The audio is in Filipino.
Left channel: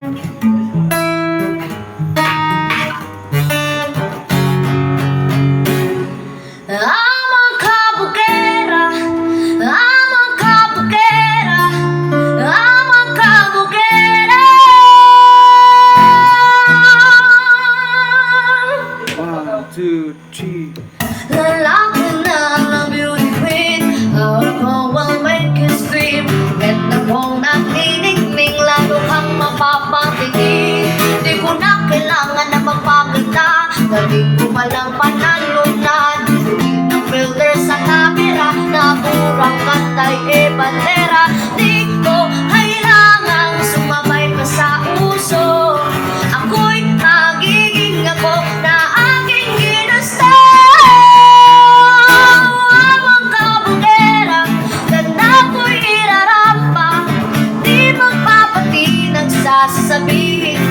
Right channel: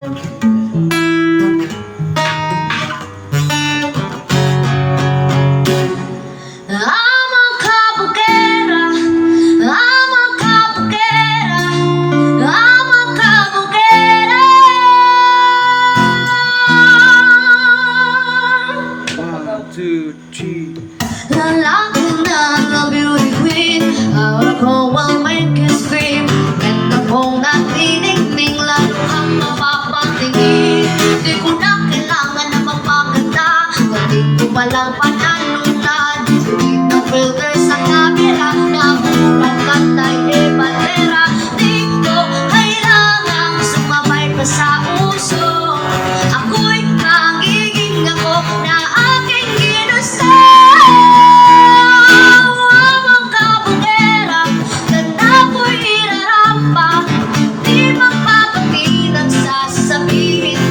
One, two, three. Lalaki na na beauty queen, ako ang make you scream. Ganda kong natinigning, lalo kang mapapatingin. Di ko na kailangan na mapaganda, dali ko walang panalunan. Di na filter sa camera, na murang pantay e bandera. Di ko kailangang sumabay pa sa uso, ako'y magiging ako na aking ginusto. Amang kabugera, ganda ko'y irarampa. Di magpapatinag sa sasabihin